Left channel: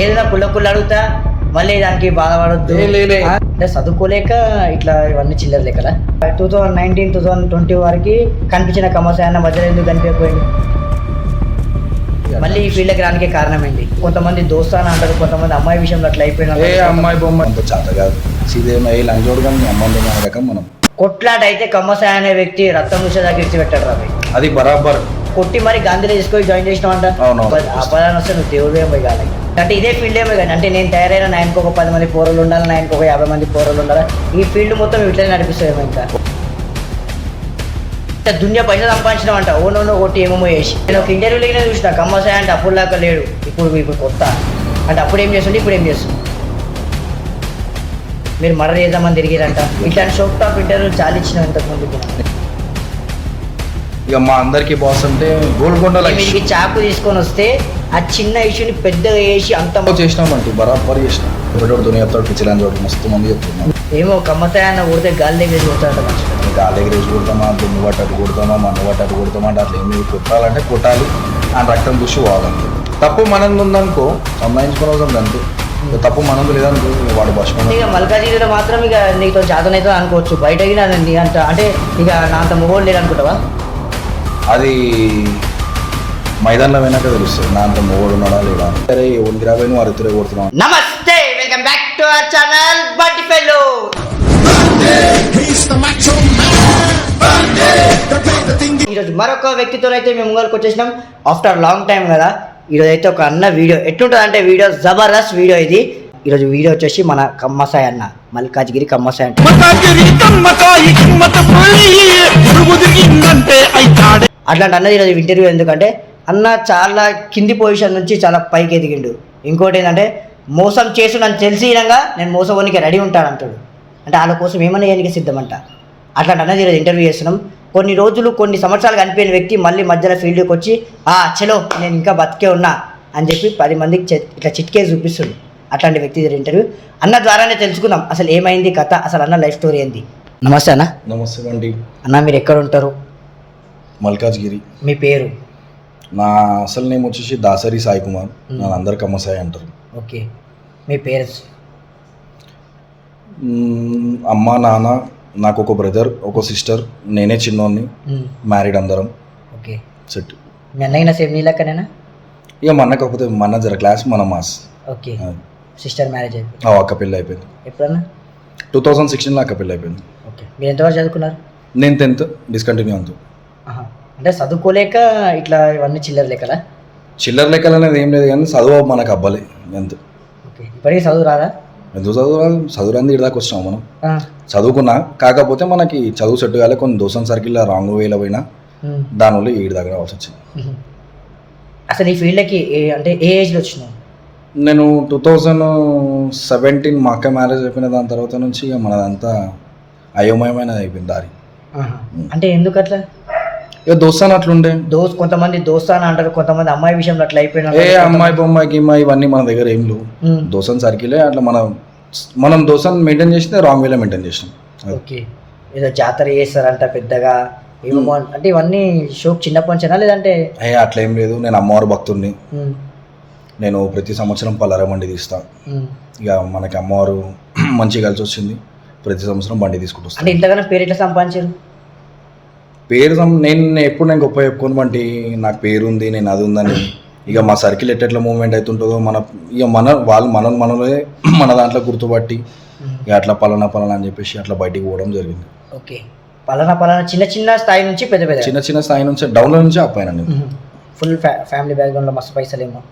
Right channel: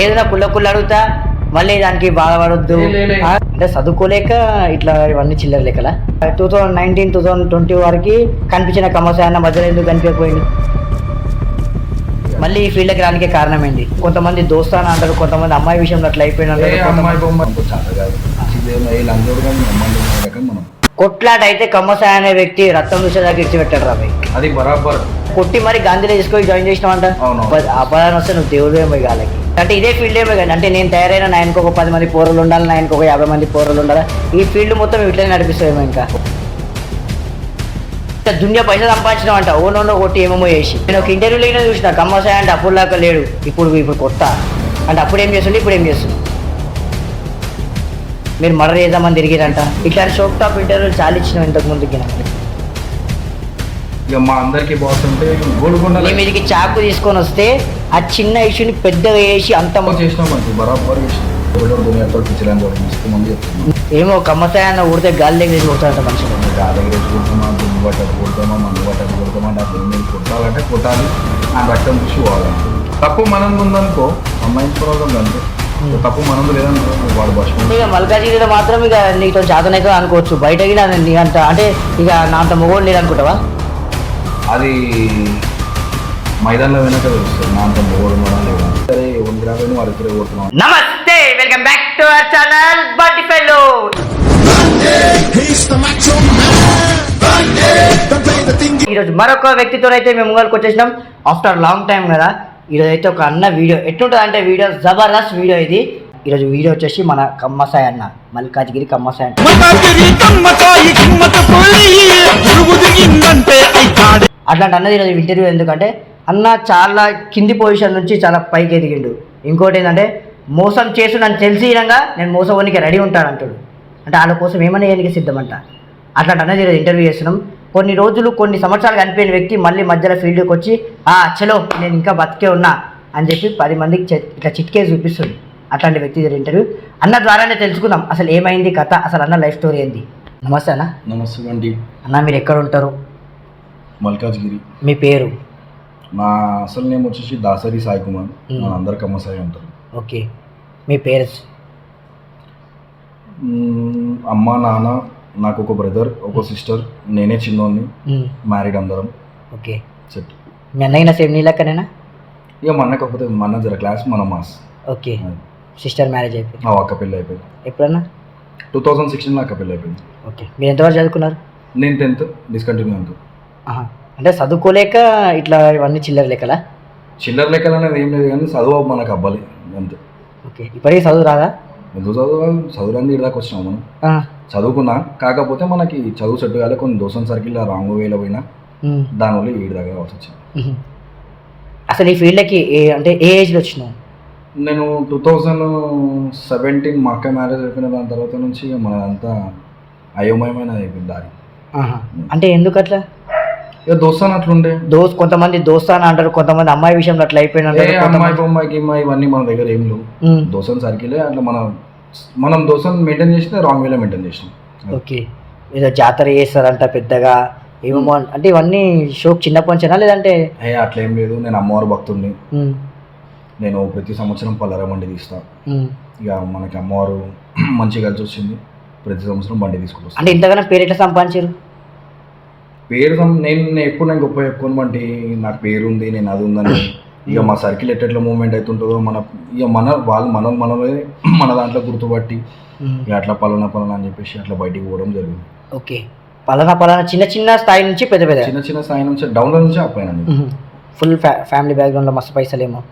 ఏదైనా పుల్ల అడుగుతా మళ్ళీ దానికి బాధపడద్దు అంటే చదువుకోలేక ఇట్లా ఇవన్నీ చిల్లర లెక్కల 2019 2020 వరకు కనిపించిన కమసాయన్న మధ్యలో ఎందుకు కనిపించకపోయింది? మళ్ళీ ఈ ఫీల్డ్కి రానికే కారణం ఏంటి? కొంతమంది దోస్తాను అంటారు, కొంతమంది అమ్మాయి విషయంలో అట్లా అయిపోయినా కొట్లాట అయితే కమ్మసాయ అనే వ్యక్తి రక్తం చూసేదాకా ఇచ్చిపెట్టాడు రాబాయ్. అది బరాబర్ కొట్టి మరి గాంధీలో తీసుకొని జాయిన్ చేసినావంట. అపరాధం వస్తే నువ్వు దేవుడు ఏమో కాలేదు అంటే ఇదే ఫీల్డ్ ఏమో కానీ అంటే నేను తయారైన నాయనకు ఒక 10 మంది పోరలు ఉండాలి, నాయనకు ఒక 50 మంది పోరలు ఉండాలి. ఈ ఫీల్డ్ మొత్తం ఇట్లనే నడిపిస్తాయేమో. ఇంకా దునియా పైన సంపాదించినావంట ఓనో కొట్టి ఏమేమో చేసి. నేను ఒక ఇంటర్వ్యూలో చూసిన కమ్మసాయ అంటే అప్పుడు దాకా లేడు, ఇప్పుడు కొత్త అంటే అప్పుడు ఏం చేస్తుండే ఇప్పుడు ఏం చేస్తుంది. మీరు మర్డర్ చేద్దామని తిరిగిరంట. ఇట్లాంటి షోక్ టాప్ ఇంటర్వ్యూ చాలా ఇచ్చిన ఇంతకు ముందుకి. ఇక మా అందరికి బాస్ అంటే గోల్కొండ మీదికి చాకు తీసుకొని వస్తే ఆ చిన్న ఇష్యూని పెద్దగా చేసి అంత చేసినామంటే బరాబర్ చేసినాం. మస్తు మంది చెప్తున్నాం ఏమో కమ్మసాయన్న ఊడితే గాలి దగ్గర కొడతాడు మనుషులు. గాలి దగ్గర కొడతామా, దుమ్ము పట్టడు కొడతామా, మన్ను పట్టడు కొడతామా అంటే అట్లా ఏమి కొట్టాలంటే కొట్టాలి. ఆ రక్తం చూసి వాడాలి. తప్పు మనం ఉందనుకో సంబంధించుకోవడం అంతే. తప్పు మనకు లేదనుకో వాడు బస్. ఇక మల్కాజిగిరిలో మాత్రం ఇక నీతో జాతనైతే అనుకోవచ్చు, బయట నీ అంత అంటే ఇక నా అంత మొగోడు లేదనుకుంటావా? అది మైదానంలో వెనక తెలుస్తుంది నా అంత మొగోడు ఉన్నాడా లేదా. సరే ఒంటి రాబోయి నువ్వు అరుతురే కొడుతున్నావు. నమస్తే, welcome back to our channel Bunty fellow. ఈరోజు మరొక వ్యక్తితో అయితే మేము ముంగల్కి వచ్చేసినాం ఆఫ్టర్ లాంగ్ టైం కదా. ఈరోజు అయితే ఒక అన్న వీడియో ఎట్లుంటుంది అంటే వీడియో జబర్దస్త్ వీడియో ఇది. ఈరోజు వీడియో వచ్చేసి మన కమ్మసాయ అన్న, మల్కాజ్గిరి కమ్మసాయ అట్లాంటి అన్నది ఈరోజు ఇంటర్వ్యూ. ఎందుకంటే అన్న చాలా కింది పొజిషన్ నుంచి చాలా పైకి ఎదిగిండు. ఇంకోటి ఏంటంటే మోసం చేసు నన్ను తెలిసి విధంగా నేను మోసపోనికి రెడీ ఉంటాను అంటాడు. అంటే వాళ్ళ కోసం ఏమన్నా చేయడానికి సిద్ధమంట. అట్లాంటి అన్నది ఈరోజు ఇంటర్వ్యూ చేస్తున్నాం. కొన్ని రోజులు కొన్ని సంవత్సరాలు కనిపోయిన వ్యక్తి మళ్ళీ మధ్యలో ఫీల్డ్కి వచ్చి చలో నేను ఇంకా బతికే ఉన్నా అని చెప్పి 10 మందికి ఇట్లా చిట్కేసి చూపిస్తుంది. అట్లాంటి వ్యక్తి ఇంటర్వ్యూ అన్న ద్వారానే తెలుసుకుందాం అసలు ఏమైంది కథ, అసలు అన్న లైఫ్ స్టోరీ ఏంది. నమస్తే అన్న. నమస్తే అండి. అన్న మీరు ఎక్కడ ఉంటారు? మల్కాజ్గిరి. మీ పేరు? నా అసలు నేమ్ వచ్చేసి దాసరి సాయి కుమార్, నన్ను అందరు కమ్మసాయి అంటారు. ఓకే. మీ పేరెంట్స్? అమ్మ నాన్న, నాకు ఒక బ్రదర్ ఒక సిస్టర్, నేనే చిన్నోన్ని, మ్యారీడ్ అందరం. Okay set. మీ అన్నయ్య సేమ్ నీ లెక్కనేనా? ఇక మన కాకపోతే మన జర క్లాస్ మన మాస్. ఓకే. సిస్టర్ మ్యారేజ్ అయిపోయింది? అక్క పెళ్ళి అయిపోయింది. ఎప్పుడన్నా? 2016లో అక్క పెళ్ళి అయిపోయింది. ఓకే. మీరు ఎంతవరకు చదువుకున్నారు? నేను 10th డిస్కంటిన్యూ అంతు. అంటే చదువుకోలేక ఇట్లా ఇవన్నీ చిల్లర లెక్కలా? చిల్లర లెక్కలు అనేది ఏం లేదు కానీ చదువు మనకు అవ్వాలి అంతే. ఓకే. ఇప్పటికీ చదువు రాదా? ఎందుకు చదువు రాదు? చదువురాంది ఇదాకా వచ్చినాం మనం. చదువుకున్నా కాకపోతే మనకి చదువు సెట్ కాలే. కొన్ని దోసం సర్కిల్ రాంగ్ వేలో పోయినా దానివల్ల ఈడి దగ్గర రావాల్సి వచ్చింది. అసలు ఈ ఫీల్డ్కి అంటే ఏ ఏజ్లో వచ్చినావు? నేను 2017 మా అక్క మ్యారేజ్ అయిపోయిన దాని తర్వాత నుంచి మనదంతా అయోమయమైన అయిపోయింది దారి. అంటే ఎందుకు అట్లా? ఇక దోస్తాను అట్లుండే. కొంతమంది దోస్తాను అంటారు, కొంతమంది అమ్మాయి విషయంలో అట్లా అయిపోయినా. అమ్మాయి బొమ్మాయికి ఇవన్నీ మన దగ్గర ఏం లేవు. దోసం సర్కిలే అట్లా మనం దోసాన్ని మెయింటైన్ చేస్తే రాంగ్ వేలో మెయింటైన్ చేసినాం. ఓకే. ఏదో జాతర చేస్తారంట పెద్దగా ఏమో అంటే ఇవన్నీ షోక్ చిన్నప్పటి నుంచేనా లేదంటే? అట్లా ఏం లేదు. నేను అమ్మవారు భక్తుడిని. నేను ప్రతి సంవత్సరం పల్లర బండి తీస్తా. ఇక మనకి అమ్మవారు మంచిగా కలిసి వచ్చింది. ప్రతి సంవత్సరం బండి తీసుకుంటూ. అంటే ఇంతగానో పేరు ఎట్లా సంపాదించారు? పేరు ఎప్పుడు నేను గొప్ప చెప్పుకోను బంటి, నాకు పేరు ఉంది నేను అది ఉందని. ఇక మా సర్కిల్ ఎట్లా మూవ్మెంట్ అవుతుంటుందో ఇక వాళ్ళు మనలే మన దాంట్లో గుర్తుపట్టి ఇక అట్లా పలానా అని చెప్పేసి అట్లా బయటికి పోవడం జరిగింది. ఓకే. పలానా చిన్న స్థాయి నుంచి పెద్ద చిన్న స్థాయి నుంచి డౌన్లో నుంచి అప్పాయినండి. ఫుల్ ఫ్యామిలీ బ్యాక్గ్రౌండ్లో మస్తు పైసలేమో?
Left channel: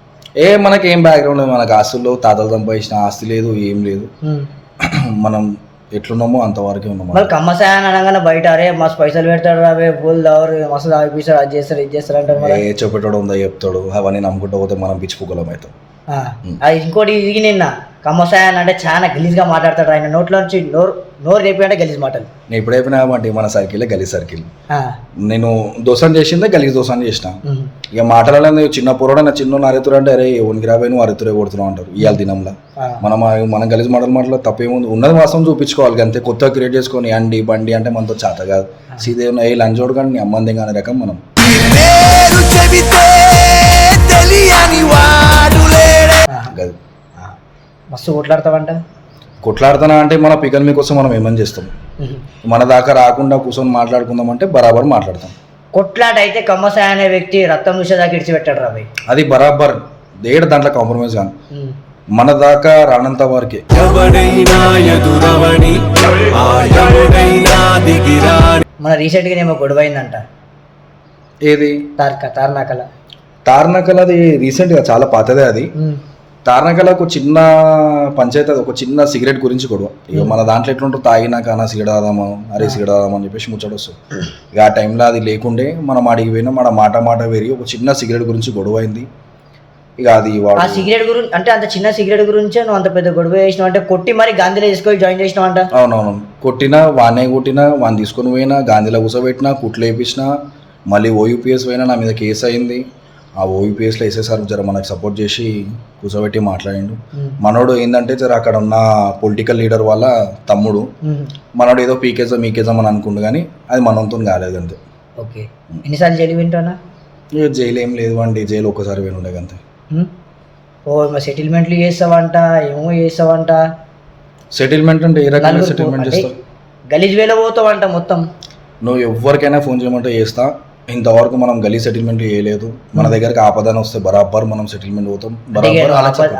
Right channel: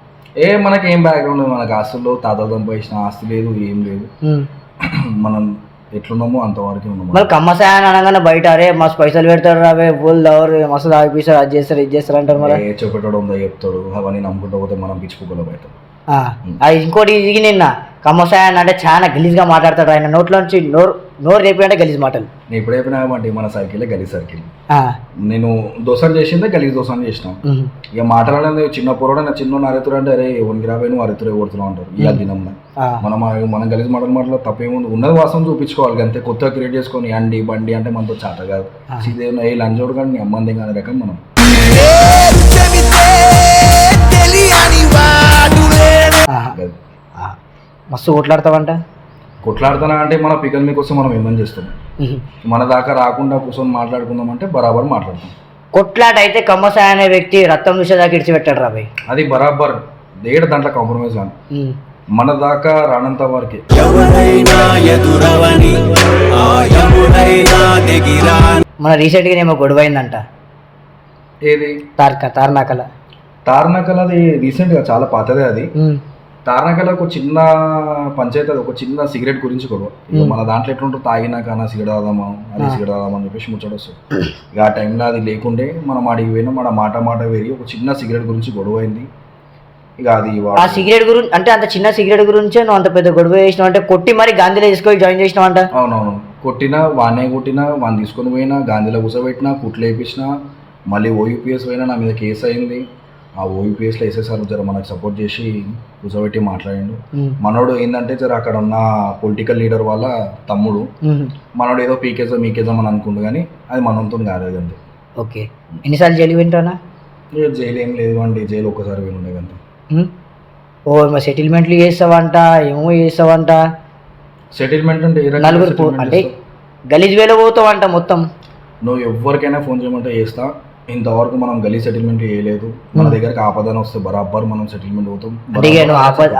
మనకి ఏం బ్యాక్గ్రౌండ్, మనకు ఆస్తుల్లో తాతలు సంపాదించిన ఆస్తి లేదు, ఏం లేదు. మనం ఎట్లున్నామో అంతవరకే ఉన్నాము. మరి కమ్మసాయ అనగానే బయట అరే మస్తు పైసలు పెడతాడు అవే ఫుల్ ఎవరు మస్తు తాగిపిస్తారు, అది చేస్తారు ఇది చేస్తారు అంటారు. చెప్పేటోడు ఉందా చెప్తాడు, అవన్నీ నమ్ముకుంటూ పోతే మనం పిచ్చిపోగలం అవుతాం. అది ఇంకోటి ఇది నిన్న కమ్మసాయ అంటే చాలా గలీజ్గా మాట్లాడతాడు. ఆయన నోట్లో నుంచి నోరు రేపి గలీజ్ మాటలు. నేను ఇప్పుడు అయిపోయినామంటే మన సర్కిల్ గలీజ్ సర్కిల్. నేను దోసాన్ని చేసిందే గలీజ్ దోసాన్ని చేసిన. ఇక మాటలలో చిన్న పొరడ నా చిన్న అరెతురు అంటే అరే ఎవరికి రాబోయి నువ్వు అరెతురే కొడుతున్నావు అంటారు ఇవాళ దినంలో. మనం గలీజ్ మాటలు తప్పేముంది, ఉన్నది వాస్తవం చూపించుకోవాలి అంతే. కొత్తగా క్రియేట్ చేసుకొని అండి బండి అంటే మనతో చేత కాదు. సీదేమో ఏ లంచోడు కానీ అమ్మంది కానీ రకం మనం. మస్తు కొట్లాడతావంట. కొట్లాడుతున్నా అంటే మన పికల్ మీకోసం మనం ఏమని చేస్తాం, మన దాకా రాకుండా కూర్చొని మాట్లాడుకుందాం అంటే బరాబర్ మాట్లాడతాం. కొట్లాట అయితే కమ్మసాయి అనే వ్యక్తి రక్తం చూసేదాకా ఇడిచిపెట్టాడు రా భయ్. అది బరాబర్ దేడు దాంట్లో కాంప్రమైజ్ కాదు, మన దాకా రానంత వరకే. మన రీసెంట్గా ఏమో గొడవ అయిందంట. ఏది? తార్నాకల్ అది రీసెంట్గా చాలా పాతదే అది. తార్నాకల్ ఒక చిన్న పంచాయతీ, అది ఒక చిన్న సిగరెట్ గురించి గొడవ. ఇక మన దాంట్లో ఎట్లుంటారు, తాగినాక సిగరెట్ తాదామా, అరే సిగరెట్ తాదామా అని చెప్పేసి ముచ్చట వస్తుంది. ఇక ఆ టైంలో అది లేకుండే మనం అడిగి పోయినా, మన మాట వేరి ఒక చిన్న సిగరెట్ గురించి గొడవ అయింది. ఇక అది ఆ సిగరెట్ గురించి అంటే అంత చిన్న సిగరెట్ గురించే నువ్వు అంత పెద్ద గొడవ చేసినావు అంటే, కొట్టి మరి గాంధీలో తీసుకొని జాయిన్ చేసినావు అంట. అవునవును, కొట్టినా వాడినే కొట్టినా, వాడిని తీసుకొని పోయినా, గాంధీలో కూర్చోబెట్టినా, కుట్లు వేయించినా, మళ్ళీ ఓయూపీఎస్ పోయినా, నా మీద కేసు అయింది. ఆ ఓయూపీఎస్లో ఎస్ఎస్ఆర్ జర మనకు సపోర్ట్ చేసి కూర్చోబెట్టి మాట్లాడిండు. మనోడు ఏంటంటే జర అక్కడ ఉన్న పొలిటికల్ లీడర్ వాళ్ళ తమ్ముడు, మనోడు ఏదో పీకేజా మీకేజాం అని అనుకుండు, కానీ అది మనతో కాలేదు అంతే. ఓకే, ఎన్నిసార్లు జైలు వింటానా? జైలు ఏం లేదు అండి, జైలు ఒక్కసారి వినుండే అంతే. ఓ సెటిల్మెంట్లు చేస్తావంట, ఏమో చేస్తావంట. సెటిల్మెంట్ అంటే ఏ రకంగా సెటిల్మెంట్ చేస్తావు? గలీజ్ వేలో పోతావంట మొత్తం. నువ్వు ఎవరికైనా ఫోన్ చేయమంటే చేస్తా. ఇంతవరకు మనం గలీ సెటిల్మెంట్ చేయలేదు. మన దగ్గరకు ఆపదాన్ని వస్తే బరాబర్ మనం సెటిల్మెంట్ పోతాం.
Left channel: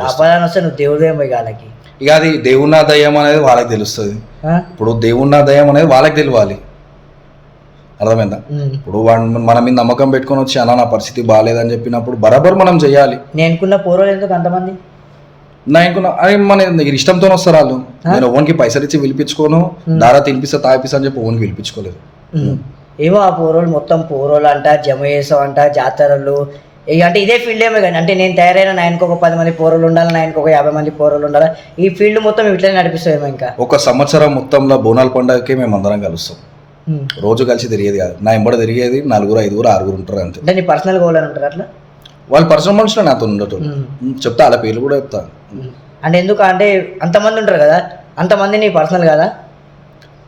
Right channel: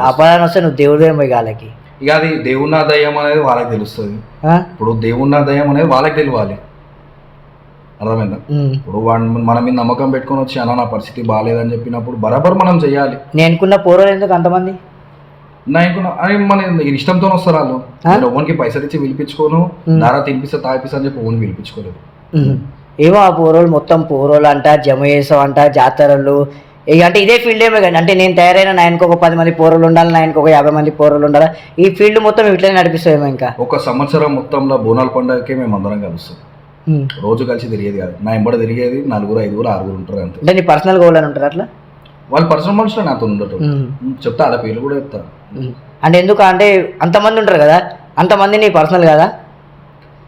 ఆపదాన్ని వస్తే నువ్వు దేవుడు ఏమో వాళ్ళకి. ఇక అది దేవున్నా దయ్యం అనేది వాళ్ళకి తెలుస్తుంది. ఇప్పుడు దేవున్నా దయ్యం అనేది వాళ్ళకి తెలియాలి, అర్థమైందా? ఇప్పుడు మన మీద నమ్మకం పెట్టుకొని వచ్చి అన్న నా పరిస్థితి బాగాలేదని చెప్పినప్పుడు బరాబర్ మనం చెయ్యాలి. నేనుకున్న పోరలు ఎందుకు అంతమంది? మన ఇష్టంతో వస్తారు వాళ్ళు. నేను ఓన్కి పైసలు ఇచ్చి పిలిపించుకోను, దారా తినిపిస్తా తాగిపిస్తా అని చెప్పి ఓన్ పిలిపించుకోలేదు. ఏమో ఆ పోరోలు మొత్తం పోరోలు అంట, జమ చేసావంట, జాతరలు ఇక అంటే ఇదే ఫీల్డ్ ఏమో కానీ. అంటే నేను తయారైన నాయనకు ఒక 10 మంది పోరోలు ఉండాలి, నాయనకు ఒక 50 మంది పోరోలు ఉండాలి. ఈ ఫీల్డ్ మొత్తం ఇట్లనే నడిపిస్తామేమో. ఇంకా ఒక సంవత్సరం మొత్తంలో బోనాల పండుగకి మేము అందరం కలుస్తాం. రోజు కలిసి తిరిగేది కాదు, నా ఎంబడ తిరిగేది 4, 5, 6 ఉంటారు అంతే. అంటే నీ పర్సనల్ గోల్ అని ఉంటారు అట్లా? వాళ్ళు పర్సనల్ మనుషులు నాతో ఉండటం చెప్తా, అలా పేర్లు కూడా చెప్తా. అంటే ఎందుకు అంటే అంతమంది ఉంటారు కదా, అంతమంది నీ పర్సనల్ కదా?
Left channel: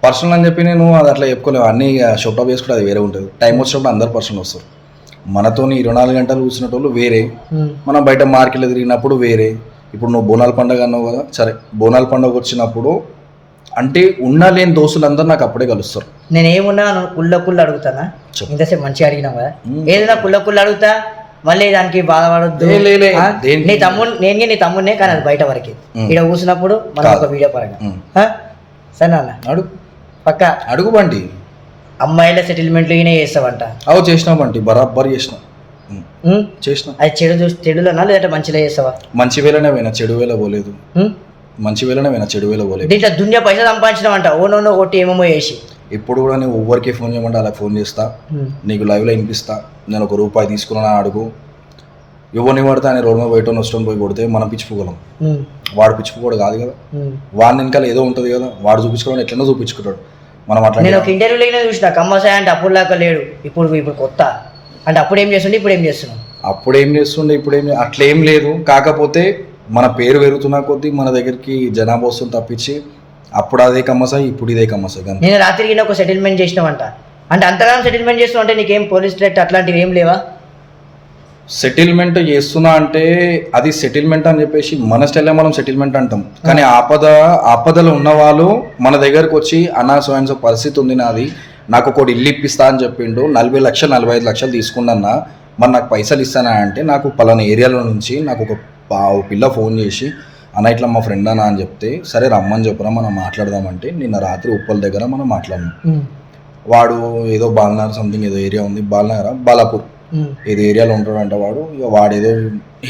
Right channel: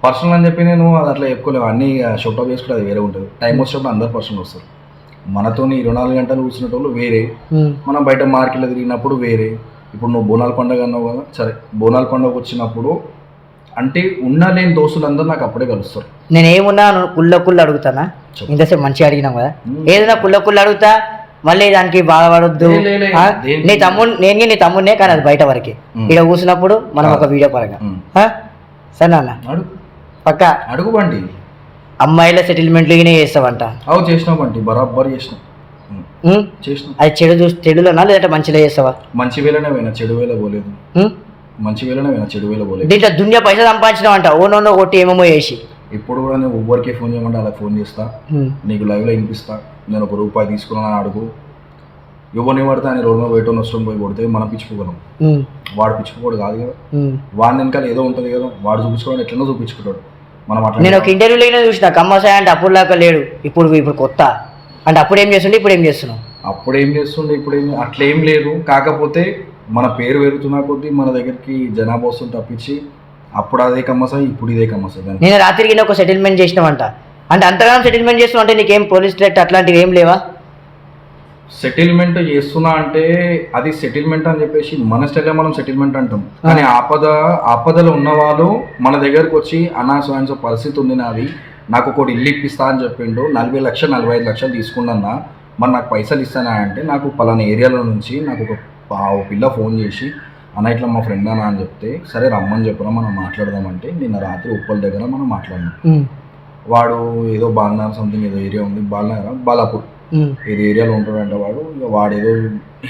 పర్సనల్ అని చెప్పి నేను అది అట్లా చెప్పుకోలేము. అన్ని షోప్టాప్ వేసుకుంటే అది వేరే ఉంటుంది. టైం వచ్చినప్పుడు అందరు పర్సనల్ వస్తారు. మనతో 24 గంటలు కూర్చున్నట్టు వేరే, మనం బయట మార్కెట్లో తిరిగినప్పుడు వేరే. ఇప్పుడు నువ్వు బోనాల పండుగ అన్నావు కదా, సరే బోనాల పండుగ వచ్చినప్పుడు అంటే ఉన్నా లేని దోస్తులందరూ నాకు అప్పుడే కలుస్తారు. నేను ఏమున్నా కుళ్ళ అడుగుతానా? ఇంతసేపు మంచిగా అడిగినాం కదా, ఏదైనా కుళ్ళ అడుగుతా, మళ్ళీ దానికి బాధపడొద్దు. నీ తమ్ముడు నేను నీ తమ్ముడినే, కానీ అది బయట వరకే. ఇక్కడ కూర్చున్నప్పుడు మనం ఒక వీడియో పరంగా సరే నాన్న అడుగు, పక్క అడుగు బంటి. అమ్మాయిల సెటిల్మెంట్లు చేస్తావంట? అవు చేసినా బంటి, బరాబర్ చేసిన. అది చెడులోనా లేదంటే మంచిలో చేస్తావా? మంచి వేలనే పోయినా, చెడు వేల పోలేదు. మంచి వేలనే పోయినా, చెడు వేల పోలేదు. దీంట్లో దునియా పైసా సంపాదించినావంట, ఓనో ఒకటి ఏమేమో చేసి. ఇప్పుడు కూడా నేను ఎవరికి ఫోన్ చేయమంటే అలా ఫోన్ చేస్తా, నీకు లైవ్లో వినిపిస్తా. నేను ₹1 తీసుకున్నా అడుగు, ఎవరిని పడితే ఆయన రోడ్ మీద బయట నష్టం పోయి కొడితే మనం పిచ్చిపోగలం. వాడు పిచ్చిపోడు కాదు కదా, వాడి వెనకాల ఏదో ఉంటుంది కదా, వాడు చూపించుకోవడం ఎట్లనో చూపించుకుంటాడు. మనం అట్లా నేను ఒక ఇంటర్వ్యూలో చూసిన కమ్మసాయి అంటే అప్పుడు దాకా లేడు, ఇప్పుడు కొత్త అంటే అప్పుడు ఏం చేస్తుండే ఇప్పుడు ఏం చేస్తున్నావు? అప్పుడు ఏం చేస్తుండే ఇప్పుడు ఏం అట్లేం లేదు. కాకపోతే మన పేరు పెరుగుతున్నా కొద్దీ మన దగ్గరికి జనాభా వస్తుంది తప్పించి అప్పుడు అదే కమ్మసాయి ఇప్పుడు ఇదే కమ్మసాయి. నేను రాత్రికి ఒక సెటిల్మెంట్ చేసినావంట, అంటే అంతగానో సెటిల్మెంట్ చేస్తున్నావు అంటే నీకేం పోలీస్ థ్రెట్ అట్లాంటివి ఏం లేవా? సెటిల్మెంట్ చేస్తున్నా అంటే అది సెటిల్మెంట్ అని చెప్పేసి మన స్టైల్లో మనం సెటిల్మెంట్ అంటాం. కానీ ఆపదలో ఉన్న వాళ్ళు మన దగ్గరకు వచ్చి అన్నా సో పరిస్థితి ఉంది నాది, నాకు ఒకటి ఇల్లు ఇప్పిస్తా అని చెప్పిండు, 40 లక్షలు 45 లక్షలు తీసుకున్నా, మరి నాకు పైసలు ఇస్తానా అంటే నాకు పలానా ఏరియాలో నుంచి నాకు ఒక పిల్ల ఫోన్ చేసి అన్న ఇట్లా మా ఫ్రెండ్ అన్న అని చెప్తే సరే రమ్మని చెప్పరా మనం మాట్లాడదామంటే నిన్న రాత్రి ఉప్పల్ దగ్గర మనం మాట్లాడినాం. వాడు ఏదో బాలనగర్ సంథింగ్ ఏదో ఏరియా ఉంది, బాలాపూర్ ఏదో ఏరియాలో ఉంటాడంట వాడు. ఇక వాడేదో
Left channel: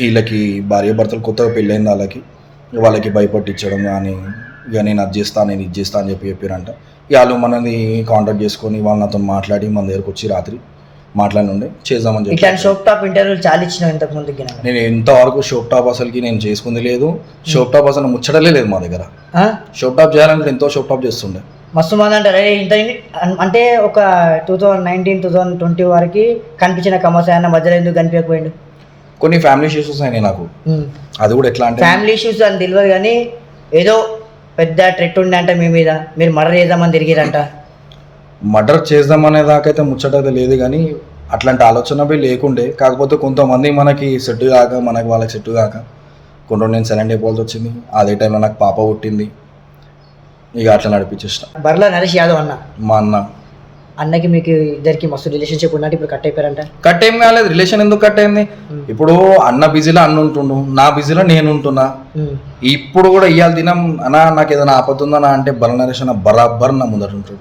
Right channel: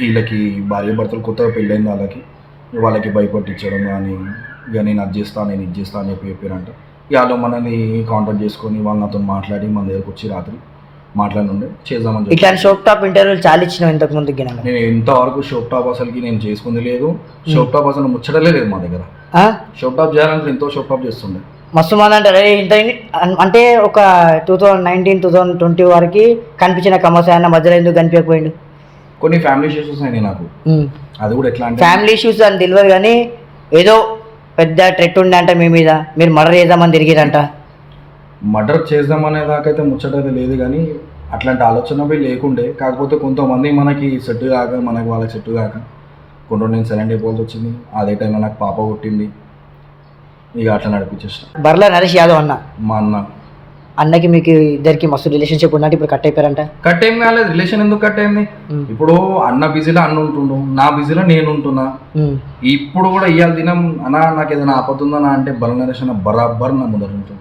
వీళ్ళకి భార్య భర్తలు కొత్తగా పెళ్ళైంది, వాళ్ళకి భయపట్టించడం కానీ ఇక నేను అది చేస్తాను నేను ఇది చేస్తాను అని చెప్పారంట. ఇక వాళ్ళు మనని కాంటాక్ట్ చేసుకొని వాళ్ళు నాతో మాట్లాడి మన దగ్గరకు వచ్చి రాత్రి మాట్లాడి ఉండే చేద్దామని చెప్పి. ఇట్లా షోప్ టాప్ ఇంటర్వ్యూలు చాలా ఇచ్చిన ఇంతకు ముందు. నేను ఎంతవరకు షోప్ టాప్ అసలుకి నేను చేసుకుంది లేదు, షోప్ టాప్ అసలు ముచ్చటలే లేదు మా దగ్గర. షోప్ టాప్ చేయాలంటే ఎంతో షోప్ టాప్ చేస్తుండే మస్తు మంది అంటారు. ఇంత అంటే ఒక 2019, 2020 వరకు కనిపించిన కమర్సాయి అన్న మధ్యలో ఎందుకు కనిపించకపోయిండు? కొన్ని ఫ్యామిలీ ఇష్యూస్ అయినాయి నాకు. అది కూడా ఎట్లా అంటే ఫ్యామిలీ ఇష్యూస్ అని తెలియదు కానీ ఏదో పెద్ద ట్రెట్ ఉండే అంట మీ మీద, మీరు మర్డర్ చేద్దామని తిరిగిరంట. మర్డర్ చేద్దామనే దాకైతే ముచ్చటైతే లేదు కానీ అట్లాంటి ఆలోచన లేకుండే. కాకపోతే కొంతమంది మనకి సెట్ కాక మనకి వాళ్ళకి సెట్ కాక కొన్ని రోజులు నేను సైలెంట్ అయిపోవాల్సి వచ్చింది. అదే టైంలో నాకు పాప పుట్టింది. ఇక అట్లా నడిపించేసిన. బర్ల నరేష్ యాదవ్ అన్న, మా అన్నకి మీకు ఇద్దరికి మస్తు రిలేషన్షిప్ ఉన్నట్టు ఇప్పుడు కట్ అయిపోయారంట. కట్ ఏం కాలేదు. రిలేషన్ ఎందుకు కట్ అయింది? ఇప్పుడు అన్న బిజీలో అన్న ఉంటుండు, నా బిజీలో నేను ఉంటున్నా. ఇప్పుడు కూడా ఇవాళ దినం అన్నా నాకు ఏదైనా ఆపతుందా అంటే బల నరేష్ అన్న బరాబర్ నా ముందర ఉంటాడు.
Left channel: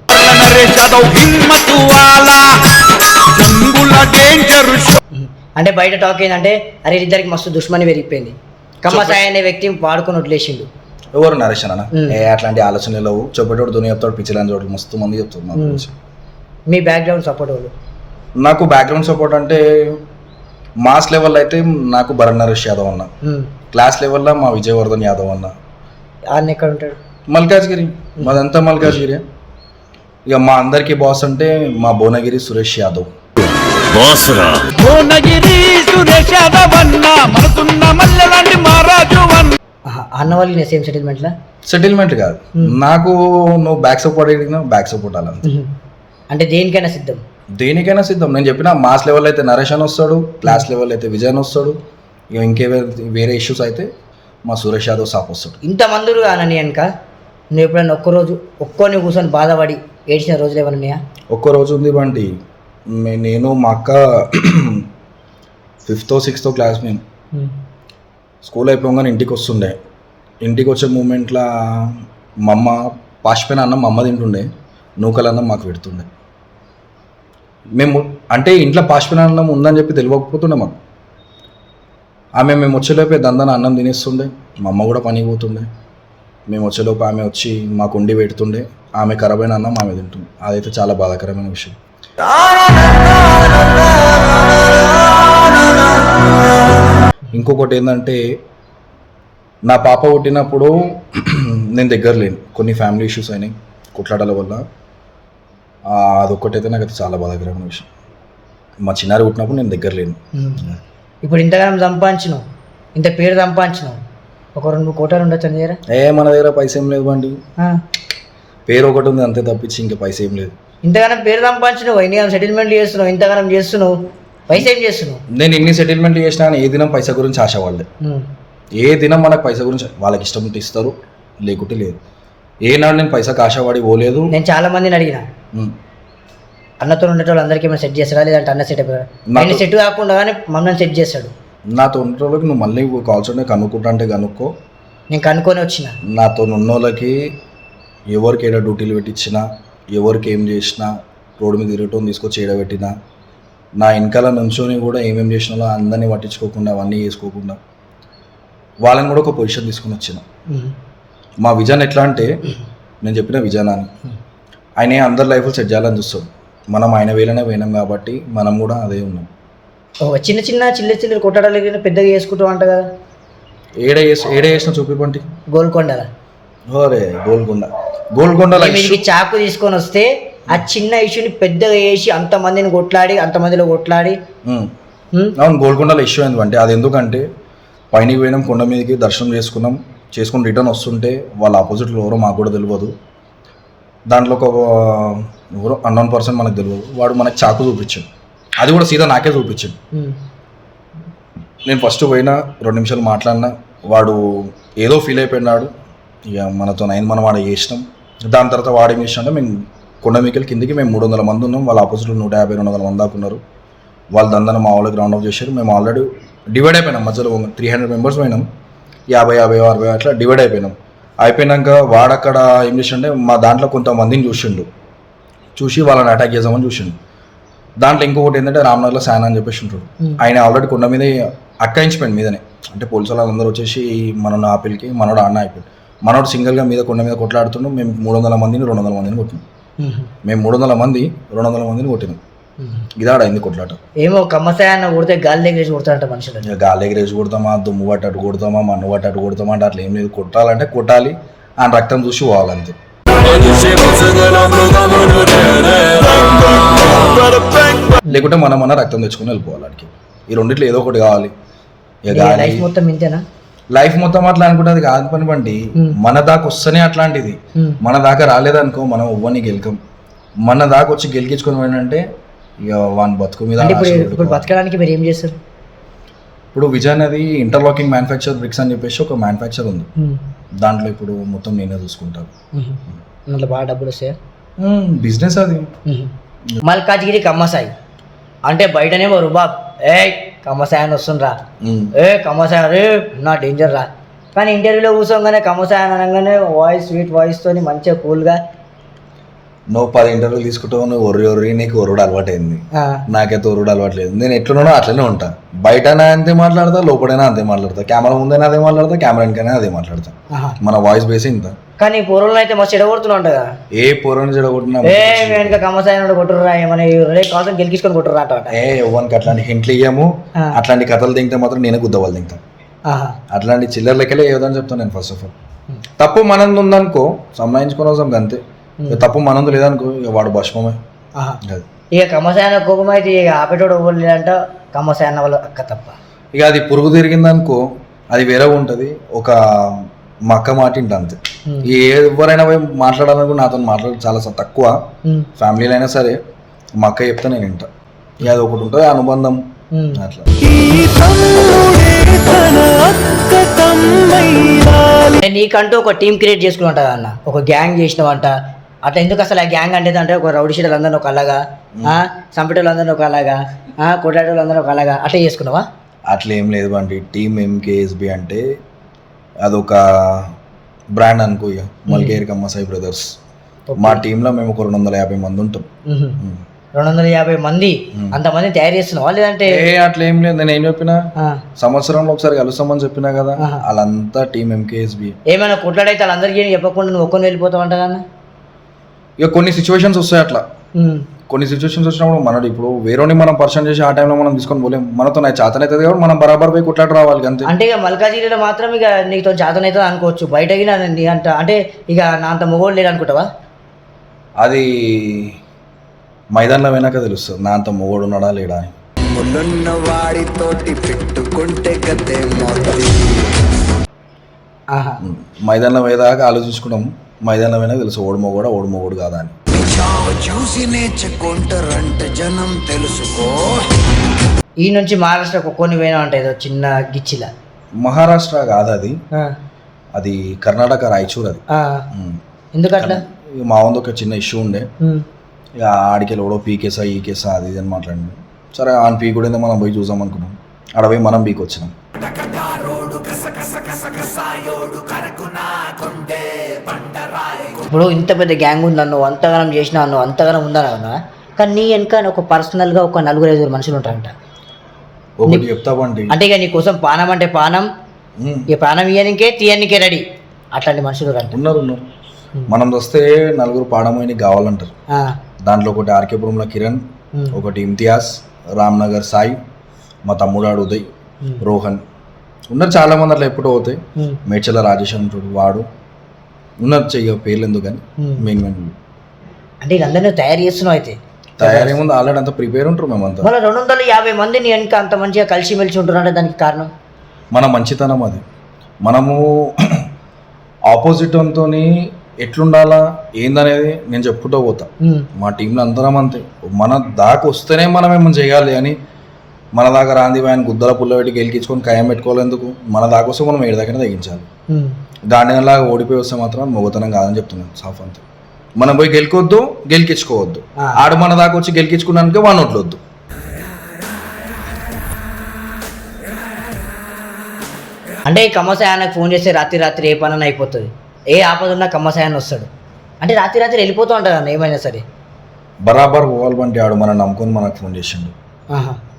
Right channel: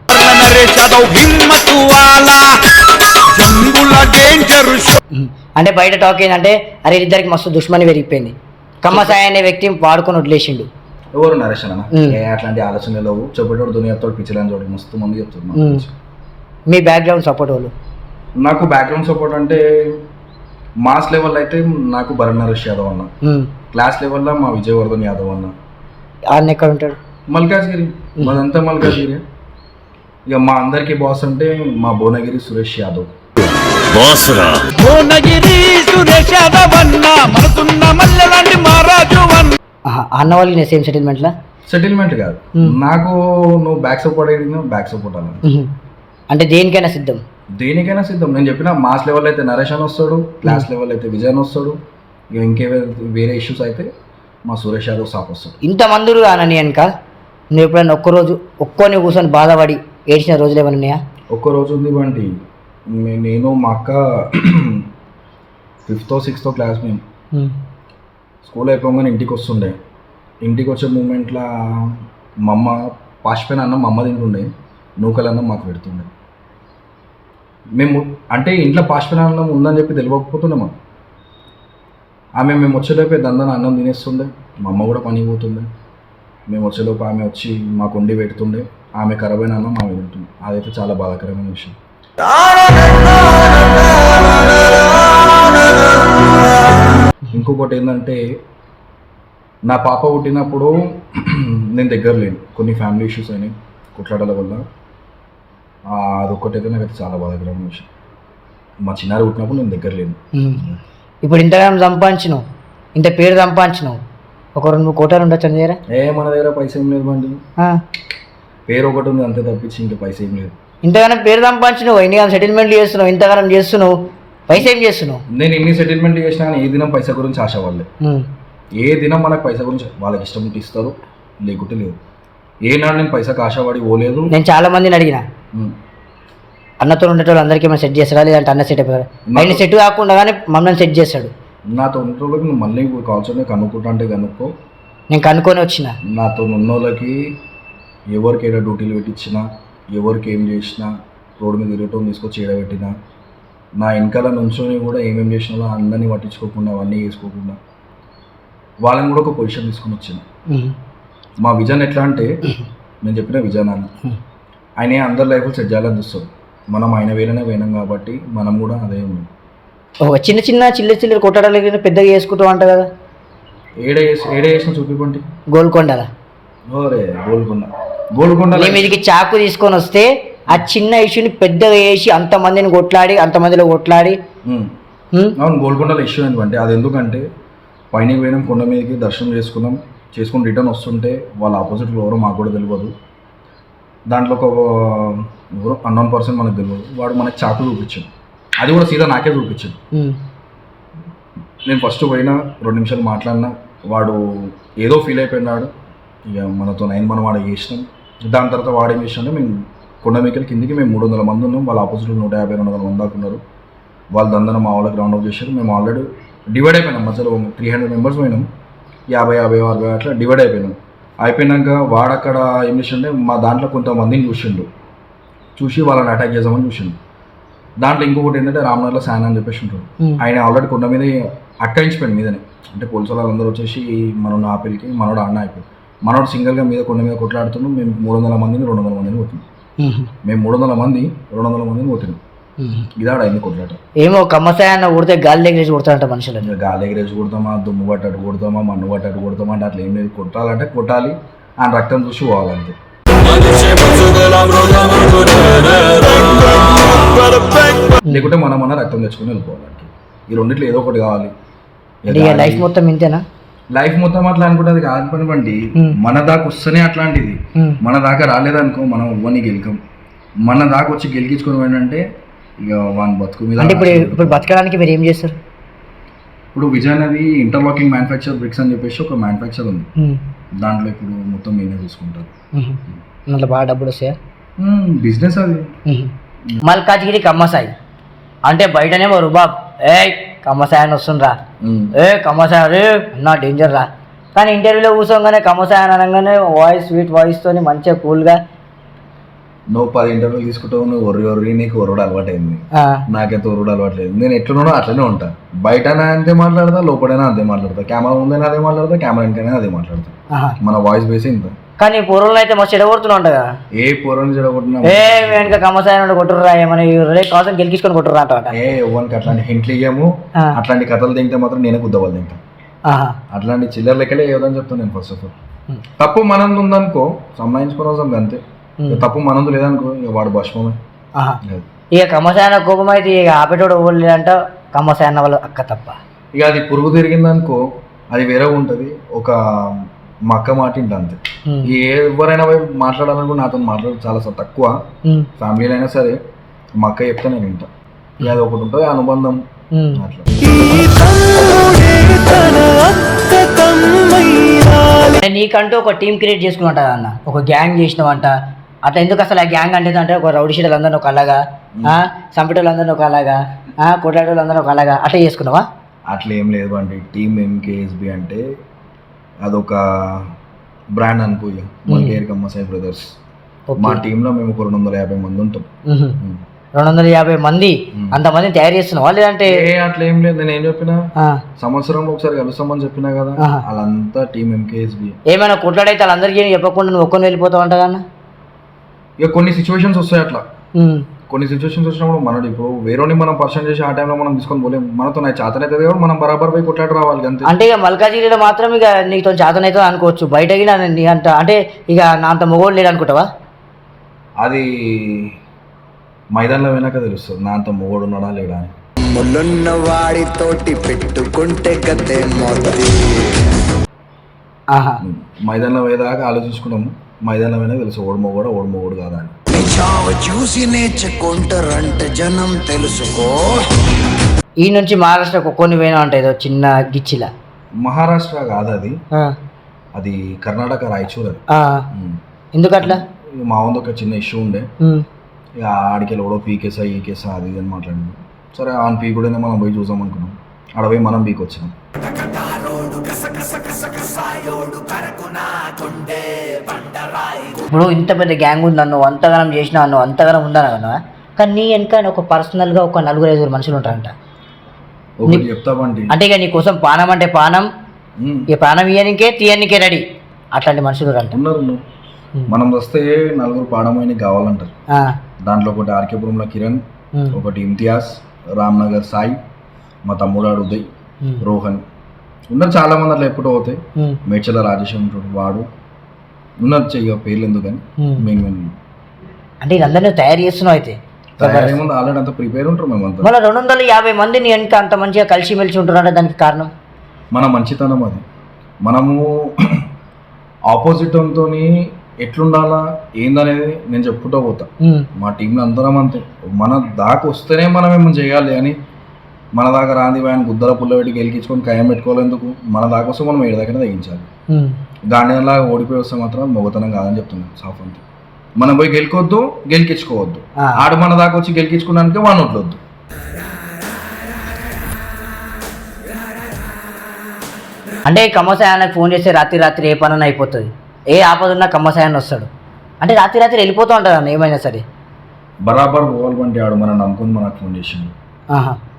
అంటే బయట టాక్ ఏంటంటే అరే ఇద్దరికి మస్తు దుష్మని పెరిగిపోయింది, కమ్మసాయి అనే వ్యక్తి వాడుకొని వదిలేసిండు. ఎవరు నరేష్ అన్న? అట్లాంటి ఆలోచనలు లేవు. చెప్పేటోడు దుని చెప్తాడు, పిచ్చిలని చోటు మస్తు మంది చెప్తారు. మీ బ్యాక్గ్రౌండ్ సపోర్ట్ వాళ్ళు? నాకు బ్యాక్గ్రౌండ్ సపోర్ట్ అంటే మాస్ లెవెల్ అయితే నాకు భరణ్ నరేష్ యాదవ్ అన్న, క్లాస్ లెవెల్లో మా విజయవర్ధన్ యాదవ్ అన్న. ఆయన ఎక్కడ ఉంటాడు? మల్కాజ్గిరి, మాదంతా మల్కాజ్గిరి. ఇక మా అందరికి బాస్ అంటే మా భువనగిరి సురేష్ యాదవ్. అన్న వాళ్ళకి సేమ్ సెటిల్మెంట్లా? సెటిల్మెంట్ కాదు, నాకు నువ్వు బ్యాక్ సపోర్ట్ అడిగినా బ్యాక్ సపోర్ట్ అలా. అంటే దేనికైనా సిద్ధం? దేనికైనా సిద్ధం. నేను చెప్పిన మాస్ లెవెల్ అయితే నరేష్ అని వస్తాడు, క్లాస్ లెవెల్ అయితే విజయ్ అని వస్తాడు, ఇక ఇంకే వేరే ఇష్యూస్ అయితే మా సురేష్ యాదవ్ సాప్ వస్తాడు. ఇంతమంది కానని వెనక నువ్వు ఎప్పుడైనా ఒక్కొని కూర్చొని బాధపడి ఏడ్చిన రోజులు ఏమైనా ఉన్నాయా? ఒక్క రోజు ఉంది బండి. నేను మా అక్క 5th or 6th క్లాస్, మేము స్కూల్ అయిపోగానే ఇంటికి వస్తుండే. ఇంటికి వచ్చే మూమెంట్లో మా అమ్మ పాసిపోయిన అన్నం మా అమ్మ తింటుండే, నూకలన్నం మాకు పెడుతుండే. మేము అంటే ఇంట్లో పాసిపోయిన అన్నం ఉందని చెప్పి తెలియకపోతుండే మాకు. మేము వచ్చేలోపే దందన అన్నం తినేస్తుండే, మా అమ్మ కూడా పనికి పోతుండే. మేము వచ్చేలోపు ఆమె వచ్చి మాకు వండి పెడుతుండే, ఆమె ఖరాబైన అన్నం ఆమె తింటుండే. అదైతే చాలా బాధాకరమైన విషయం. ఇంకొకటి ఏంటంటే నా పాప పుట్టినప్పుడు నేను దగ్గర లేను, కొన్ని ఫ్యామిలీ ఇష్యూస్ అయినాయి కొట్లాటల వల్ల. అదొక్కటైతే నాకు అయితే చాలా బాధాకరమైన విషయం. మా చిన్నారి పుట్టినప్పుడు నేను దగ్గర లేను. ఇప్పుడు ఇంతకాలం సంపాదించినావు, ఇంత పేరు సంపాదించినావు, ఒక 2 కోట్లు ఉండొచ్చు అని దగ్గర? మన దగ్గర పైసా ఏం లేదు బండి, పేరు ఒకటి ఉంది అంతే తప్పించి ఇంకా పైసా ఏం లేదు. ఇంతగానం పేరు సంపాదించినావు, ఎన్ని సెటిల్మెంట్లు చేస్తున్నావు, ఇంతగానం చేస్తున్నావు, పైసా ఏం చేస్తున్నావు? నేను ఎన్ని సెటిల్మెంట్లు చేసినా కానీ ఏ దినం పైసా గురించి ఆశవాళ్ళే. ఏ దినం మనకు పైసా గురించి వాళ్ళకి ఇష్టం ఉంటే ఇస్తారు, లేకుంటే లేదు. ఏనాడు నేను పైసాకి ఆశపడి పోలేదు. నేను చాలా మందిని అడిగిన, అన్నతో ఉండేటోళ్ళు అందరికీ మనం సెట్ చేస్తారా లేదంటే అన్న సెట్ అయిపోయాడు? ఆయన సెట్ కాకుండా కానీ మమ్మల్ని సెట్ చేస్తాడు. నాతో ఉండేటోళ్ళకి నువ్వు మళ్ళీ కాల్స్ కనుక్కుంటా అంటే కనుక్కో. నేను కనుక్కొని వచ్చిన. నాతో ఉన్నోళ్ళకి ఎవరికి ఏదో డ్యూటీలు పెట్టించినా, ఎవరికి ఏం చేసినా, రోడ్డు మీద తిరగటం తీసుకొచ్చి ఏడబెట్టినా, నా వెనకాల నుంచొని కూడా ఏమేమి చేసినా అందరినీ పట్టించుకోకుండా అవన్నీ చేసుకోకుండా వాళ్ళని కూడా ఒక పొజిషన్ తీసుకొని వచ్చిన. మా విజన్ ఎట్లా అంటే నేను చెప్పిన విజన్ అని ఆయన అందరి లైఫ్లో సెట్ చేయాలని చూస్తాడు. మనం ఆయన వేలనే పోయినాం కాబట్టి మనం కూడా అదే ఉన్నాం. చిన్న చిన్న చిల్లర కొట్టడాలు పెద్దగా చేసుకుంటూ అంట కదా? ఏడ చేసిన చూపిపండి. గోల్కొండలా? ఓరే గోల్కొండ మీదికి చాకు తీసుకొని వస్తే ఆ చిన్న ఇష్యూని పెద్దగా వేసి అంతమందిని అంతమందిలో కొట్లాడి. అవును, గోల్కొండలో ఇష్యూ ఏంటంటే అది ఎందుకంటే పైనకి పోయినాం, కొండ మీదకి దర్శనం చేసుకుని రిటర్న్ వస్తుంటే వాళ్ళ ఆపోజిట్లో ఎవరో మాకు కూడా తెలియదు. దాంట్లో ఒక ఎవరో అన్నోన్ పర్సన్ మనకు తెలియదు, వాడు మనకు చాకు చూపించాడు. అది కూడా సీదా నాకే చూపించాడు. నేను ఫస్ట్ పోయినా 2 నిమిషాలు మాట్లాడినా, వాడు ఏదో ఫీల్ అయిపోయినాడు. ఇక మనతో మనం వాడు చేసినాం. దాని తర్వాత వాడేం చేసినా, మేము కొండ మీకల్ కిందికి మేము 300 మంది ఉన్నాం, వాళ్ళ ఆపోజిట్లో 150-200 మంది దాకా ఉన్నారు. వాళ్ళు దందన మా వాళ్ళకి రౌండ్ ఆఫ్ చేశారు. మేము ఆల్రెడీ డివైడ్ అయిపోయినాం, మధ్యలో 300 మెంబర్స్ పోయినాం, 50-60 అట్లా డివైడ్ అయిపోయినాం. అయిపోయినాక వాడు అక్కడ ఏం చేసిండే, మా దాంట్లో కొంతమందిని చూసి వాళ్ళని అటాక్ చేద్దామని చూసిండు. దాంట్లో ఇంకొకటి ఏంటంటే రామ్నగర్లో శాన్ అని చెప్పేసి ఉంటాడు. ఆయన ఆల్రెడీ కొండ మీద అక్కాయించిపోయింది మీదనే. అంటే పోలీసు వాళ్ళందరూ వచ్చేసి మనోడు ఆపిల్కి మనోడు అన్న అయిపోయింది. మనోడు సింగిల్గా కొండ మీద కొట్లాడుతున్నాం. మేము 300 మందిని 200 మందిని కొట్టినాం. మేము 300 మంది 200 మందిని కొట్టినాం. ఇదాడ అయింది కొట్లాట. ఏమో కమ్మసాయన్న కొడితే గాలి ఎగిరేసి కొడతాడంట మనుషులు. గాలి ఎగిరేసి కొడతామా, దుమ్ము పట్టట్టు కొడతామా, మన్ను పట్టట్టు కొడతామా అంటే అట్లా ఏం లేదు. కొట్టాలంటే కొట్టాలి, ఆయన రక్తం చూసి పోవాలంతే. లేకుంటే మన రక్తం తెచ్చుకొని వెళ్ళిపోవాలి వాడికి. ఈ రెండిట్లో ఏదో ఒకటి కావాలి. లైఫ్ మొత్తం ఇంతేనా? లైఫ్ మొత్తం అట్లా అనుకుంటే అది కాదు పని బండి. మన దాకా వస్తేనే అట్లాంటిది. మన దాకా రాలేదనుకో మనం ఎవ్వని గెలికం. మన దాకా వచ్చి గెలికించుకొని పోయినంటే ఇక వాని బతుకు మీద. ఇప్పుడు బతకడానికి మీరు ఏం చేస్తారు? ఇప్పుడు విజయ్ అది ఇంటర్లాకింగ్ మ్యానుఫ్యాక్చర్ బ్రిక్స్ అని చెప్పేసి ఒక మ్యానుఫ్యాక్చర్ ఉంది. దాంట్లో ఇప్పుడు మొత్తం నేనే చూసుకుంటాను. దాంట్లో బాగా డబ్బులు వస్తాయా? బిజినెస్ అది. మల్కాజ్గిరి కమ్మసాయి అంటే బయటనేమో రుబాబ్, ఏ కమ్మసాయి అని వస్తుండ్రా, ఏ కమ్మసాయి రే నా డేంజర్ రా. కానీ ఇంటర్వ్యూలో కూర్చోగానే కమ్మసాయి అని అనగానే వాయిస్ స్వీట్ వాయిస్తోని మంచిగా కూల్గా. నువ్వు 10 ఇంటర్వ్యూలు తీసుకుంటావు, నువ్వు ఒర్రి నీకు ఒరుడు అలవాటైంది. నాకైతే ఒరుడు అలవాట్లేదు. నేను ఎట్లున్నానో అట్లనే ఉంటా. బయటైనా అంతే మాట్లాడతా, లోపలైనా అంతే మాట్లాడతా, కెమెరా ముందైనా అదే మాట్లాడతా, కెమెరా వెనకైనా అదే మాట్లాడతా. మన వాయిస్ బేస్ ఇంత. కానీ పొరలను అయితే మస్తు చెడగొడుతున్నా ఉంటా కదా. ఏ పొరను చెడగొట్టినా ఏ వెనక కమ్మసాయి కొట్టుర్రా, ఏమని కాసం గెలికించుకొని కొట్టుర్రా అంట. ఏ ఎవరికి అట్లాంటి హింట్లు ఇయ్యము. అట్లాంటి కథలు దింగితే మాత్రం నేను గుద్దవాళ్ళు దింగుతా. అట్లాంటి చిల్లర లెక్కలే ఏదని చెప్తాను నేను. ఫస్ట్ ఆఫ్ ఆల్ తప్పు మనంది ఉందనుకో సంబంధించుకునే అవసరం అంతే. తప్పు మనందు లేదనుకో ఇక వాడు భస్మమే. ఇక కమ్మసాయన కోపం అయితే ఇక ఆపేటోడు లేదంట, కమ్మసాయన వాళ్ళు అక్క తప్ప. ఇక అది పురుగు తిరిగిందనుకో అది వేరే ఉంటుంది. ఒక మక్క మాట ఇంట అంతే. ఎవరైనా పోయి మాట్లాడాలనుకో నాతో మాట్లాడు చాలా తక్కువ. ఫ్యామిలీలో అయినా సరే మా అక్క చెప్తే నేను వింటా. ఇక అది ఒకటి ఉంటుంది అనుబంధం అట్లా. నీకంటూ ఒక టీం క్రియేట్ చేసుకున్నట్ట అన్న, ఒక గ్యాంగ్ చేసినవంట. అట్లా ఎందుకు అసలు ఆ గ్యాంగ్ అంటే ఒక రౌడీ షీటర్లు అందరినీ ఒక అలాగా, సంపేటోళ్ళు అందరినీ ఒక అలాగా, కొట్లాటోళ్ళు అందరూ ఒక అలాగా అట్లా చేసుకున్నావా? అట్లా ఏం లేదు బండి. టీమ్ MKSB అంటే అదొక బ్రాండ్ అనుకో. ఇక మల్కేర్ కమ్మసాయి బ్రదర్స్. మా టీంలో మేము ఒక 250 మంది ఉంటాం. 250 మంది? అంతమంది తయారు చేస్తున్నావా లేదంటే? అట్లా ఏం లేదు. నేను ఏం చెప్పినా సంవత్సరంలో ఒకసారి కలుస్తామని చెప్పినా కదా. వాళ్ళంతా టీమ్ MKSB. ఏమైనా కొట్లాడైతే వాళ్ళందరికీ చెప్పకుండా నువ్వు ఒక్కని వెళ్ళిపోతావు అంట కదా. ఇక కొన్ని సిచ్యువేషన్స్ వస్తాయి అట్లా. కొన్ని సిచ్యువేషన్స్ వచ్చినప్పుడు మనడు ఇప్పుడు వేరేని మనం పర్సన్ చేసి ఆ టైంలో మనం తీసుకొని పోలేం. మనతో నాకు చేతనైతుంది కాబట్టి మనం బరాబర్ పోయి కొట్లాడి రావాలి అంతే. అంటే ఇక మల్కాజిగిరిలో మాత్రం ఇక నీతో చేతనైతుంది అనుకోవచ్చు, బయటకి అంట అంటే ఇక నా అంత మొగోడు లేడు అనుకుంటావా? అది మైదానంలో వెనక తెలుస్తుంది నా అంత మొగోడు ఉన్నాడా లేడా అని. ముళ్ళున్న వాడితోటి పెట్టుకుంటే గతే మైదానంలో వేదాకా ఆలోచించుకున్నాం. మైదానంలో వెనక తెలుసు ఓడుమో కూడా ఓడుమోడు కాదా అని. చూసి నేర్చుకుంటారంటే జనం తెలుసుకో. ఈ నుంచి మహారాష్ట్రకు కొన్ని పోయినా అంటే ఏదో చిన్న గిచ్చిలా. మహారాష్ట్ర కాదు అది, అది కర్ణాటక రాయచూర్. అది ఎందుకట్లా? మా వంద ఒక చిన్న ఇష్యూ ఉండే. ఇక ఆడికి ఎవడో పీకేసా ఈ కేసా అది ఇది అని మాట్లాడి సరే ఆన్ పీక్ కూడా మనం పోయి చూసాం అనుకున్నాం. ఆడ పోయి మనం పీక్ వచ్చినాం. ఇప్పుడు ఇంత పెద్ద గ్యాంగ్ ఉంది అన్ను, అంతగానం చేసినా అన్ను, అంతగానం ఉందని అన్నా. కానీ నీ వెనక ఒక పర్సనల్గా ఒక 4-5 మనుషులు ఉంటారంట. చెప్తాబండి అంటే ఇక నీ కోసం పానం అంటే పానం, ఇక ప్రాణం ఇయ్యనికే తీయనికే రెడీ అట్లాంటి మనుషులు అంట. ఉన్నారు. మనం వస్తే 4 పాడమైనకి కావాలంటారు. దాంట్లో ఒకటి ఆర్కేపురంలో కిరణ్, ఒకటి ఇమ్తియాజ్, రామ్నగర్ సాయి, మా తమ్ముడాడు ఉదయ్, రోహన్ ఉన్నారు. చాలా మంది అట్లా ఎప్పుడు అవుతాయి. మేడ్చల రాజేష్ ఉంటాడు, వాడు ఉన్నారు. చెయ్య పేర్లు ఎందుకని మేము అంటే వీళ్ళందరినీ తయారు చేస్తున్నావు. అయితే తయారీ ముందు ఆల్రెడీ అంతా ప్రిపేర్ ఉంటారు మేమంతా. మళ్ళీ 250 మందిని వెనక అంత మంచిగా కలిసిమెలిసి ఉంటున్నారంటే దానికి కారణం మన మంచితనం. అది మనము ఆపోజిట్ అంతో ఎట్లుండాలా ఏందనేది నేను చెప్పుకుంటూ పోతా. మా టీంలో అందరం అంతే. మన దాకా వస్తేనే మనం ఏమో చేయాలి అని, మన దాకా రాంది ఆయన గుద్దల పుల్ల పెట్టి గెలికించుకొని ఖాయం పెట్టుకోవాలెందుకు? మన దాకా వస్తే మనం ఏడు దగ్గర తగ్గించాలి. గాంధీలాగా ఓడిపోయి వస్తే మాత్రం మొగతనం కాదని చెప్తున్నాను సాఫ్ అంతే. మనం పోయి గెలుకొద్దు, గెలికించుకోవద్దు. ఆడు మన దాకా వచ్చి గెలికించుకున్నానికి వాడిని వడ్లొద్దు. అంటే కమ్మసాయానికి ఫోన్ చేస్తే రాత్రి ఏ పని అయిపోతుంది, ఏ ఆపద ఉన్నా కమ్మసాయాన్ని వస్తాడు. అంటే రాత్రి వెళ్ళిపోతూ ఉంటాడు అన్న ఏమైనా సరే. బరాబర్ పోవాలి బండి. ఆడు మనం నమ్ముకొని మనకు ఫోన్ చేసిండు,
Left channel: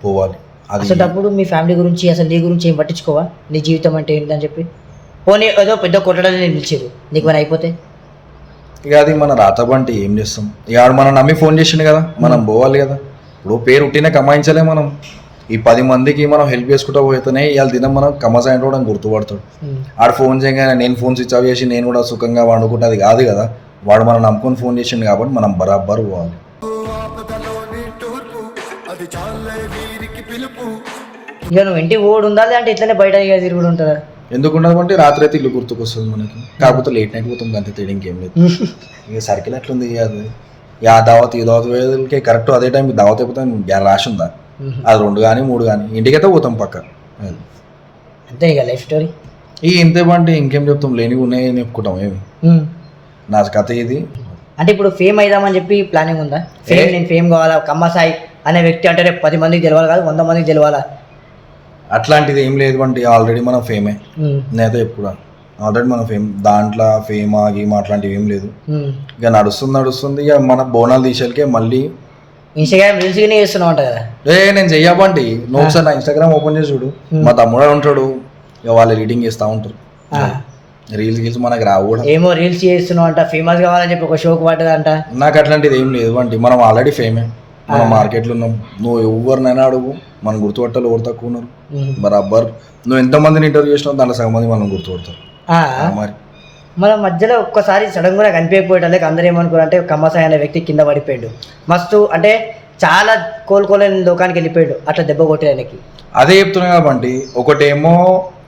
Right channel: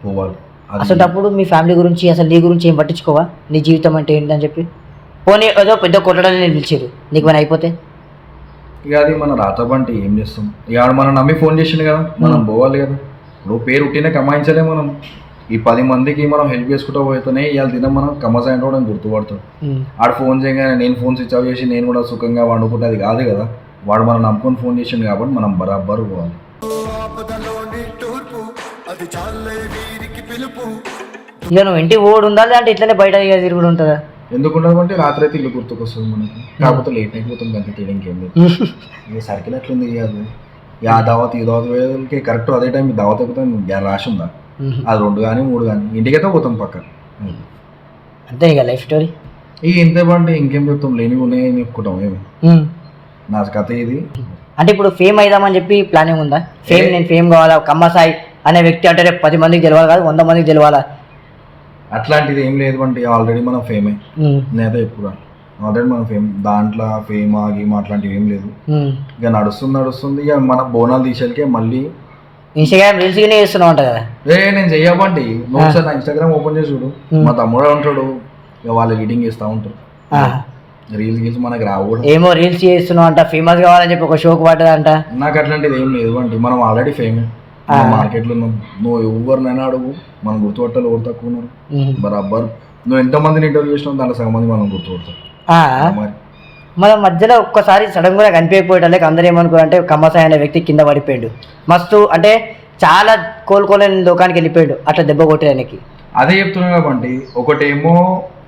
పోవాలి. అసలు అప్పుడు మీ ఫ్యామిలీ గురించి అసలు నీ గురించి ఏం పట్టించుకోవా? నీ జీవితం అంటే ఏంటని చెప్పి పోనీ ఏదో పెద్ద కొట్టడాన్ని నేను పిలిచారు, నీకు ఏమైనా అయిపోతే ఇక అది మన రాత బంటి ఏం చేస్తాం. ఇక ఆడు మనం నమ్మి ఫోన్ చేసిండు కదా, మనం పోవాలి కదా. ఇప్పుడు పేరు ఉట్టినే కమాయించలే మనం. ఈ 10 మందికి మనం హెల్ప్ చేసుకుంటూ పోతేనే ఇవాళ దినం మనం కమ్మసాయి కూడా గుర్తుపడతాడు. ఆడు ఫోన్ చేయగానే నేను ఫోన్ స్విచ్ ఆఫ్ చేసి నేను కూడా సుఖంగా వండుకుంటే అది కాదు కదా. వాడు మనం నమ్ముకొని ఫోన్ చేసిండు కాబట్టి మనం బరాబర్ పోవాలి. ఇక నువ్వు ఇంటికి ఓడి ఉండాలి అంటే ఇట్లనే బయట తిరుగుడు ఉంటుందా? ఎందుకుంటే రాత్రి అయితే ఇల్లు గుర్తుకొస్తుంది మనకి. కాకపోతే లేట్ నైట్ పోతాం అంతే, తేడా ఇంకేం లేదు. ఇక సర్కిల్ ఎట్లుంది అది. ఆ దావత్ ఈ దావత్ వేదలకి కరెక్ట్ అదే టైం దావత్ అయిపోతే రాసి ఉందా? అది 2 కానీ 3 కానీ ఇంటికైతే పోతాం పక్క. అంతే ఇక లైఫ్ స్టోరీ. ఈ ఇంతే బండి ఇంకేం చెప్తాం, లేనివి ఉన్నాయని చెప్పుకుంటాం ఏమి. నా కథ ఇది. అంటే ఇప్పుడు ఫేమ్ అయిదామని చెప్పి ప్లానింగ్ ఉందా? ఫేమ్, నేను ఫేమ్ కావాలా, కమ్మసాయి అనే వ్యక్తి అంటే రేపు 10 మందికి తెలవాలి కాదు, 100 మందికి తెలవాలా? అట్లాంటిది ఏం లేదు బండి, ఆల్రెడీ మనం ఫేమే. నేనైతే ఎప్పుడు ఆల్రెడీ మనం ఫేమ్, దాంట్లో ఫేమ్ గేమ్ అట్లాంటివి ఏం లేదు. ఇక నడుస్తుంది ఇక మన బోనాలు తీసేకే మళ్ళీ ఇన్స్టాగ్రామ్ రీల్స్ గానే చేస్తున్నావు అంట కదా. నేను చెయ్యబండి, నువ్వు ఒకసారి నా ఇన్స్టాగ్రామ్ ఓపెన్ చేసి చూడు, మా తమ్ముడు ఉంటాడు, ఇక వాళ్ళు ఎడిటింగ్ చేస్తూ ఉంటారు. రీల్స్ మనకి రావు కూడా. ఏమో రీల్స్ చేస్తున్నావు అంట, ఫేమస్ కావాలని చెప్పి ఒక షోకి పడ్డదంట. నాకు అట్లాంటిది ఏం లేదు అండి, మనం ఆల్రెడీ ఫేమే, మార్కెట్లో ఉన్నాం. నువ్వు ఎవరినైనా అడుగు, మనం గుర్తుపట్టాలి ఎవరు తక్కువ ఉన్నారు బరాబర్. నువ్వు ఎంతమందిని ఇంటర్వ్యూ చేసినావు దాంట్లో సగం మంది మనం గుర్తుపడతారు. మరి మన మధ్యలో ఒక్కసారి సడన్ గా కనిపించకపోయేటోళ్ళకి అందరూ ఏమనుకోరంటే కమ్మసాయి అనే వ్యక్తి కింద పడిపోయాడు, మస్తు అంటే చాలా కోలుకోలేని లోకానికి వెళ్ళిపోయాడు అట్లా దెబ్బ కొట్టేదానికి. అదే చెప్తున్నా కాబట్టి ఒకటేమో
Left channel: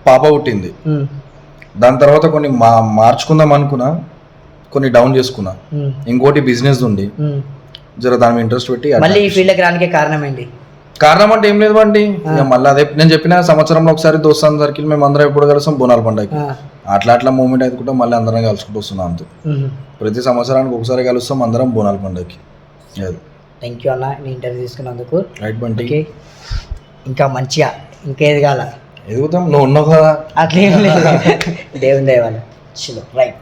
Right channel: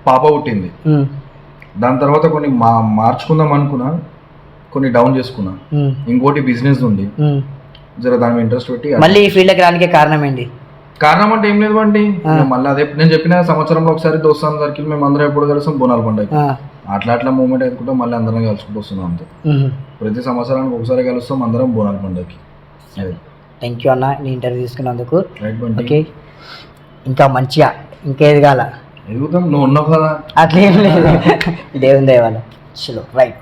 పాప పుట్టింది, దాని తర్వాత కొన్ని మార్చుకుందాం అనుకున్నా, కొన్ని డౌన్ చేసుకున్నా. ఇంకోటి బిజినెస్ ఉంది, జర దాని మీద ఇంట్రెస్ట్ పెట్టి మళ్ళీ ఈ ఫీల్డ్కి రానికి కారణం ఏంటి? కారణం అంటే ఏం లేదు బండి, మళ్ళీ అదే నేను చెప్పిన సంవత్సరంలో ఒకసారి దోస్తాం సర్కిల్ మేము అందరం ఎప్పుడు కలుస్తాం బోనాల పండుగ, అట్లా మూమెంట్ అయితే మళ్ళీ అందరం కలుసుకుంటూ వస్తున్నాం. అంతే, ప్రతి సంవత్సరానికి ఒకసారి కలుస్తాం అందరం బోనాల పండుగకి. థ్యాంక్ యూ అన్న నీ ఇంటర్వ్యూ తీసుకున్నందుకు. రైట్ బండి, ఇంకా మంచిగా ఇంకా ఎదగాల. ఎదుగుతాం, నువ్వు ఉన్నావు కదా. అట్లేం లేదు, దేవుని దయ వల్ల. రైట్.